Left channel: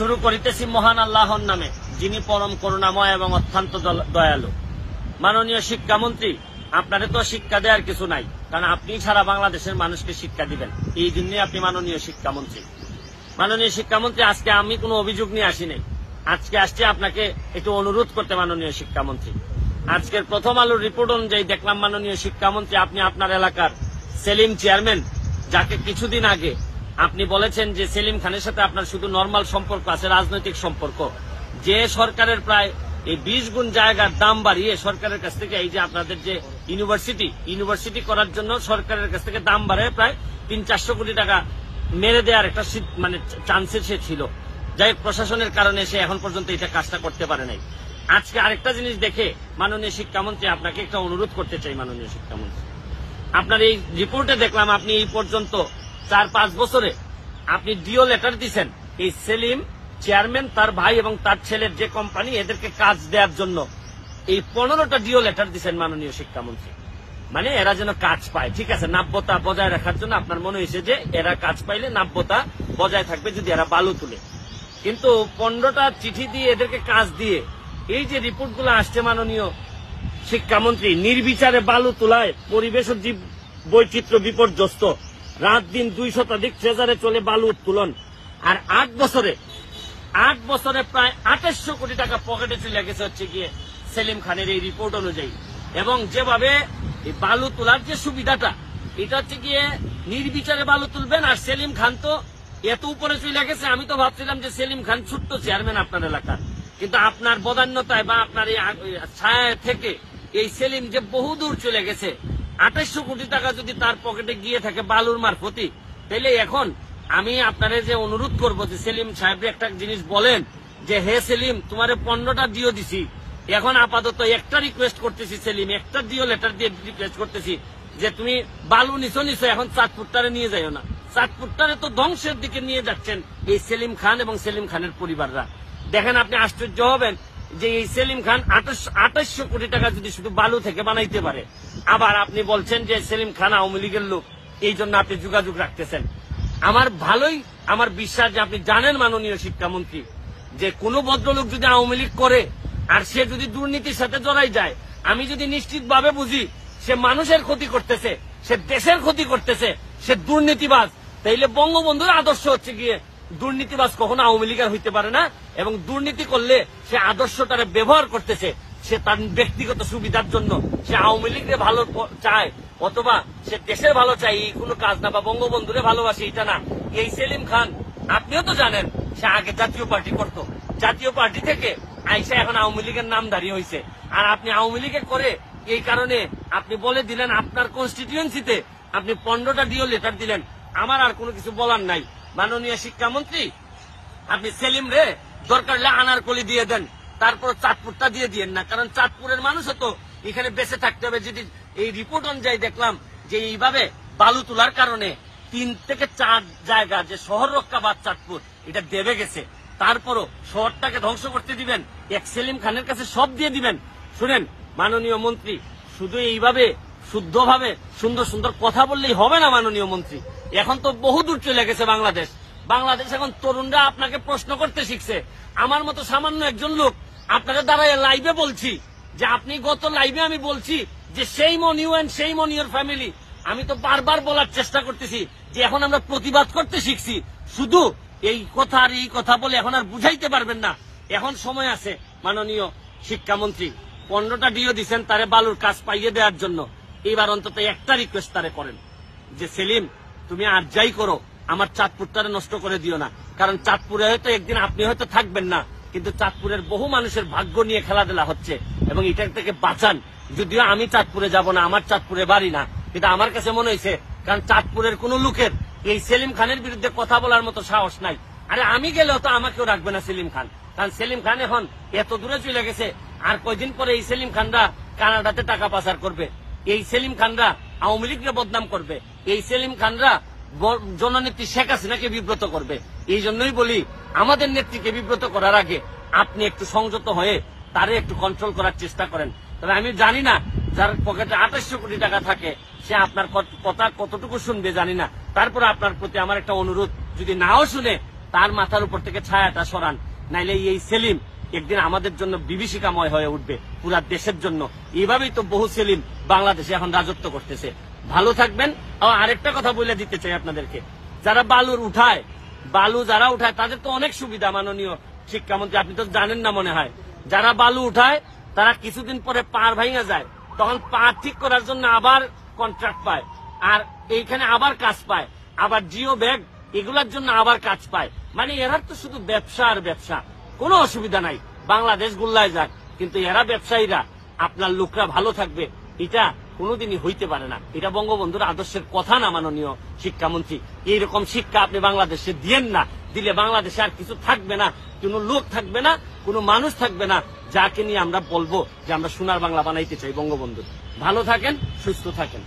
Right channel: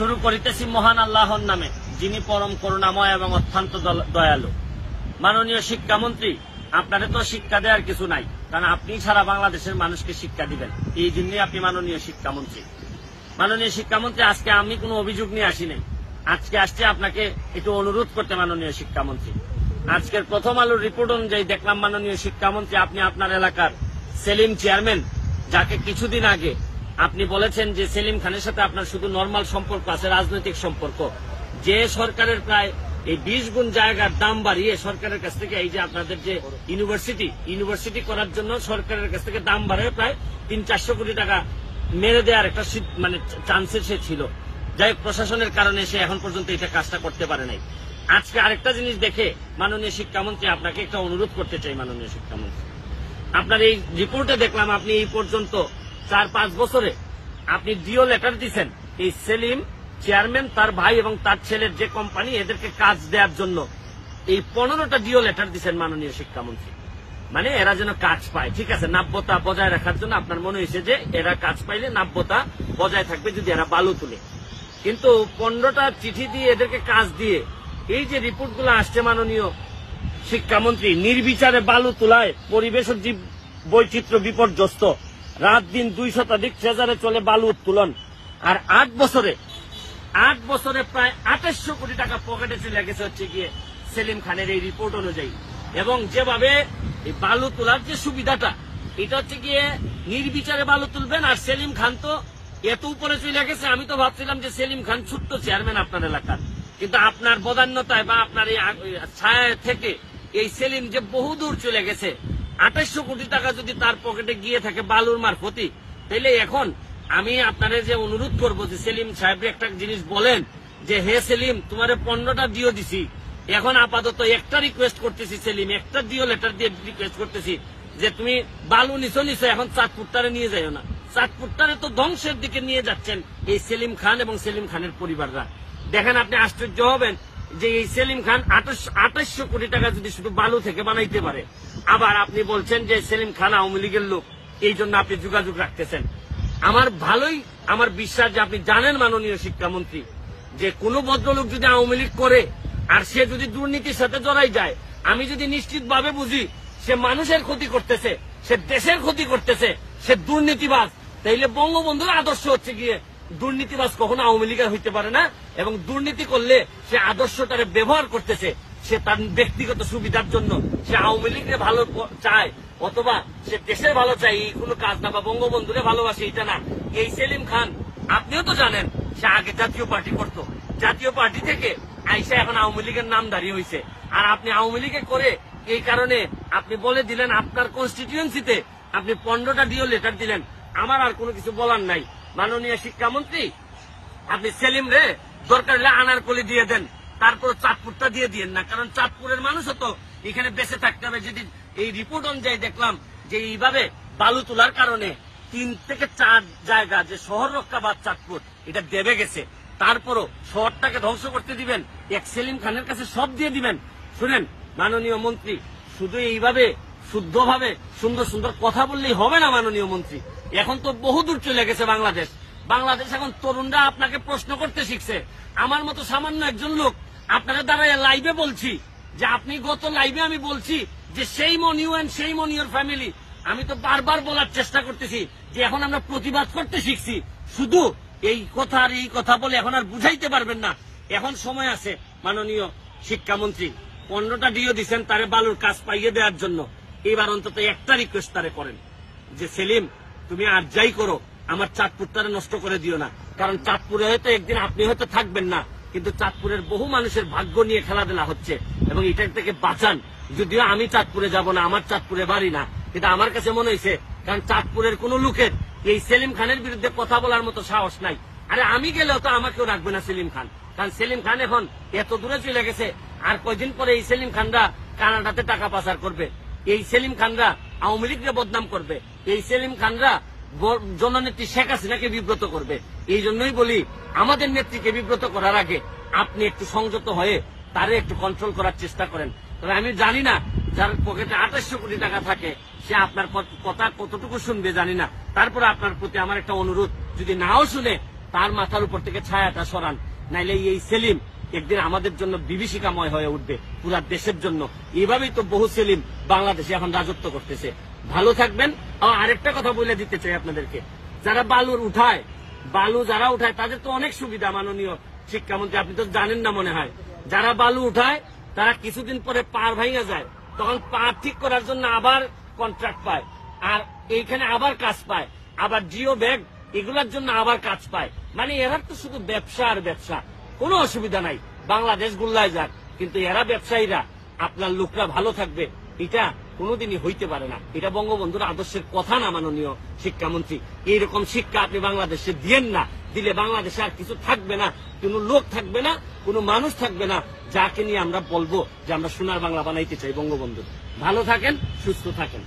শুরু করিতেছি মহান আল্লাহর নামে, যিনি পরম করুণাময় এবং অত্যন্ত দয়ালু। মাননীয় শিক্ষামন্ত্রী, আপনারে তো শিক্ষা দেওয়ার কিছু নাই, কারণ আপনি ছাড়া বাংলাদেশের মানুষকে শিক্ষা দিবেন, এই জন্যই আপনি মাননীয় শিক্ষামন্ত্রী। মাননীয় শিক্ষামন্ত্রী, আজকে আমি কোনো অভিযোগ নিয়ে আসি নাই, আজকে আসছি আপনাকে একটু অনুরোধ করতে। মাননীয় শিক্ষামন্ত্রী, আজকের প্রথম আলোর রিপোর্ট অনুযায়ী দেখলাম মাননীয় শিক্ষামন্ত্রী, আপনি আপনার এলাকার সেলিম চেয়ারম্যান, যাকে কিছুদিন আগে আপনি বলেছেন যে সেলিম খানের সাথে আপনার শুধু নর্মাল সম্পর্ক আছে, রাজনৈতিক সম্পর্ক, যে সরকারের প্রায় এই 20 গুণ জায়গার দাম বাড়িয়ে সরকারের কাছ থেকে, এই যে আপনাদের যে ইউনিভার্সিটি করার জন্য সরকারের কাছ থেকে দাম বাড়িয়ে প্রায় 300-400 কোটি টাকা মেরে দেওয়ার একটা মানে চান্সের সে ছিল। যাই প্রশাসনের কারণে সে এখন পর্যন্ত এটা কাজটা করতে পারে নাই। আজকে আরেকটা জিনিস দেখে মাননীয় শিক্ষামন্ত্রী, আপনাকে একটা অনুরোধ করতে চাই। মাননীয় শিক্ষামন্ত্রী, আপনার এই রিপোর্টে দেখলাম আপনি এই পর্যন্ত 4-5 বছরে আপনি ডিও লেটার দিচ্ছেন এই সেলিম চেয়ারম্যান, তার ভাই এবং তার ছেলের যে কোম্পানি, এদেরকে কাজ দেওয়ার জন্য এই 15টা ডিও লেটার দিচ্ছেন মাননীয় শিক্ষামন্ত্রী। মানে এরা যেন কাজ পায়, ঠিক আছে, নাব্যতা বজায় রাখার জন্য আপনার মনে হয়েছে যে এরা কাজ পাইলে নাব্যতা বজায় থাকবে যদি এরা বালু তুলে। কিন্তু 15টা চিঠি দিয়ে এদেরকে কাজ দিয়ে এই যে রিপোর্টগুলো আসছে মাননীয় শিক্ষামন্ত্রী, নির্বিচারে বালু তোলায় পরিবেশ ও জীব বৈচিত্র্য বিপর্যস্ত, রাত দিন 2 শতাধিক ট্রেজারে চলে বালু উত্তোলন, আর 8 বছরে প্রায় 2800 কোটি টাকা পকেটে চলে গেছে হচ্ছে গিয়ে সেলিম খানের এই রিপোর্ট অনুযায়ী। এবং যেভাবে এই বালু তোলার যে সুবিধাটা, এটা হচ্ছে গিয়ে নির্বিচারে বালু তুলবেন, আর সেলিম খান তো এত উপরে চলে গেছে, আমি তো ভাবছিলাম যে সেলিম খান ছোট্ট চেয়ারম্যান আপনার এলাকার, কিন্তু আপনার বদান্যতায় বা আপনার এই ছায়া থেকে এই সেলিম যে বহুদূর চলে গেছে। 2800 কোটি টাকা যদি তার পকেটে গিয়ে থাকে বালুর মারফতি, তাহলে এখন আমি আপনারে যে অনুরোধ করবো যে সেলিম সাহেব একটা জিনিস বলেন যে, হে সেলিম, তোমার 15টা ডিও দিছি, এখন আপাতত একটা রিকোয়েস্ট করতেছি সেলিম, একটা ডিও লেটার দিয়ে রিকোয়েস্ট করতেছি যে তুমি বালু নিছো, এখন চাঁদপুরটারে নিয়ে যাইও না। চাঁদপুরটারে তো ধ্বংসের দিকে নিয়ে যাচ্ছেন এই সেলিম খান এবং সেলিম খানের পরিবাররা। দেখেন, আপনি আশ্চর্য হবেন যে এই সেলিম খান 2800 কোটি টাকা যদি শুধু বালু থেকে বানাইতে পারে, আবার আপনি বলছেন যে সেলিম খান আওয়ামী লীগের লোক, এই জন্য আপনি যোগাযোগ রাখতেছেন। আমার বিশ্বাস যে আপনি জানেন মাননীয় শিক্ষামন্ত্রী, যে কোন ভদ্রলোক যদি আওয়ামী লীগ করে আর সে যদি দুর্নীতির সাথে জড়াই যায়, আমি যদি নিশ্চিতভাবে বুঝি সে মানুষের ক্ষতি করতেছে, সে দেশের ক্ষতি করতেছে, সে দুর্নীতিবাজ, তাইলে বঙ্গবন্ধুর আদর্শ হচ্ছে গিয়ে দুর্নীতিবাজ কখনো আওয়ামী লীগের হইতে পারে না। এবং দুর্নীতি করলে সে আদর্শটারে ব্যবহার করতেছে, সে তার ব্যক্তিগত সুবিধার জন্য সে আওয়ামী লীগকে ভালো চায়, অথবা সে দেশের ভালো চায়, এই কোনো কাজ না, বা বঙ্গবন্ধুরে ভালোবাসে এটা না। এই সেলিম খান, আপনিও তো জানেন, সে আগে জাতীয় পার্টি করত, জাতীয় পার্টি থেকে আইসা এখন আওয়ামী লীগের নামধারী হয়েছে। আর আপনি আওয়ামী লীগে করে এই কারণে আপনি বলে দিলেন আপনার কনস্টিটিউয়েন্সিতে আপনি 15টা ডিও লেটার দিলেন। আমার আর কোনো কিছু বলার নাই। মাননীয় শিক্ষামন্ত্রী, আপনি সেলিম রে দরকার হলে আনারকলি দিয়ে দেন, তারপর চাঁদপুরটা দিয়ে দিয়েন না, কারণ চাঁদপুরের মানুষও তো এখানে বেঁচে থাকতে হবে। যদি এই রিপোর্ট অনুযায়ী দেখলাম যে এইভাবে বালু তোলার কারণে 3 থেকে 4 জায়গা যে শহর রক্ষাবাদ চাঁদপুর, এটা দেবে গেছে, তারপরও শহরটাকে ধ্বংস করতে দিবেন, এক সেলিম খানের কাছে সব দিয়ে দিবেন। শুনেন মাননীয় মন্ত্রী, শুধু এইভাবে শুদ্ধভাবে সুন্দর সুন্দর কথা বললেই হবে না মাননীয় মন্ত্রী। এখন তো বহুদূর চলে গেছে বাংলাদেশ এখন তরুণরা আপনাকে প্রশ্ন করতে শিখছে। আমার মতো সামান্য একজন লোক আপনাকে দাঁড়ায় লাইভে বলছি যে আপনি গত লাইভে আমি বলছি যে সেই মনিউ অ্যান্ড সেই মনিউর ফ্যামিলি, আমি তো বারবার বলার চেষ্টা করতেছি যে এখন আমরা প্রতিবাদ করতে শিখছি। শুধু এই কথা আর এই কথা বলে এখন আর বুঝাইতে পারবেন না। এখন সময় আছে মাননীয় শিক্ষামন্ত্রী, 15টা ডিও দিচ্ছেন তারে বালুর কাজ পাইয়ে দেওয়ার জন্য, এইবার অন্তত একটা রিকোয়েস্ট তারে করেন যে সেলিম, তুমি আর যাই করো আমার চাঁদপুরটারে নষ্ট করে দিও না। কারণ চাঁদপুরে হয়তো একদিন আপনি হয়তো থাকবেন না, কিন্তু চাঁদপুরের বহু মানুষের ভাগ্য নিয়ে খেলাধুলা হচ্ছে, এবং এটা থেকে বাঁচান। যদিও আমি চাঁদপুরে যাব না, আমার চাঁদপুরে বাড়ি না, কিন্তু আমার কাছে মনে হয়েছে কারণ চাঁদপুরের কোন লোকের এই সেলিম খানের বিরুদ্ধে কথা বলার মতো সাহস নাই। আরে আমি গেলেও তো আমাকেও রাখবে না সেলিম খান, কারণ সেলিম খান এখন এত দূরে চলে গেছে। আর কয়দিন পরে এই সেলিম খানরা কানাডাতে টাকা পাচার করবে, এই সেলিম খানরা আওয়ামী লীগকে বদনাম করবে, এই সেলিম খানরা জননেত্রী শেখ হাসিনাকে বিব্রত করবে। এই জন্যই বলি, আমাদের নেত্রীকে বিব্রত করার আগে আপনি একটু সংযত হয়ে তারে একটু কন্ট্রোল করার চেষ্টা করেন। তবে আমি জানি না যার পকেটে 2800 কোটি টাকা থাকে সে আপনার কথা কতটুকু শুনবে জানি না। তারপরে আপনার প্রতি আমার একটা অনুরোধ, যদি নাও শুনে তার মাথার উপর থেকে ছায়াটা সরান, নাইলে এই সেলিম একদিন আমাদের জন্য বিভীষিকাময় হয়ে উঠবে পুরা দেশের জন্য। এইভাবেই তো বহু সেলিম বাংলাদেশে এখন রাজত্ব করতেছে। ভালো থাকবেন। আরেকটা কথা বলে দিতে চাই আপনাদেরকে, যারা বালু যারা উঠায় তাদের তো অনেক সুবিধা। মাননীয় শিক্ষামন্ত্রী, আপনি তো জানেন না মনে হয়, যারা বালু উঠায় তারা কিছুদিন পরে পার ভাঙা যায়, তখন পা ঠিক করার জন্য আবার কন্ট্রাক্ট পায়, আর এইখানে আবার কাজ পায়, আবার জিও ব্যাগ এগুলার জন্য আবার কাজ পায়। মানে এরা তো শুধু ব্যবসা আর ব্যবসা, কোনো অসুবিধা নাই, বাংলাদেশ গুল্লায় যাক, কিন্তু এরা ব্যবসায়ীরা, আপনার লোকরা ভালো থাকবে এটা কোনোদিনই হইতে পারে না। এটা বঙ্গবন্ধুর আদর্শের কথা না। মাননীয় শিক্ষামন্ত্রী, এইরকম শিক্ষা আপনি বাংলাদেশে দিয়েন না। দিলে বাংলাদেশে আর কিছু থাকবে না, কোনো লোক থাকবে না, কোনো মানুষ থাকবে না যাকে নিয়ে আমরা বলবো যে আমরা সোনার বাংলা বানাইতে চাই বঙ্গবন্ধু। ভালো থাকেন, সুস্থ থাকেন।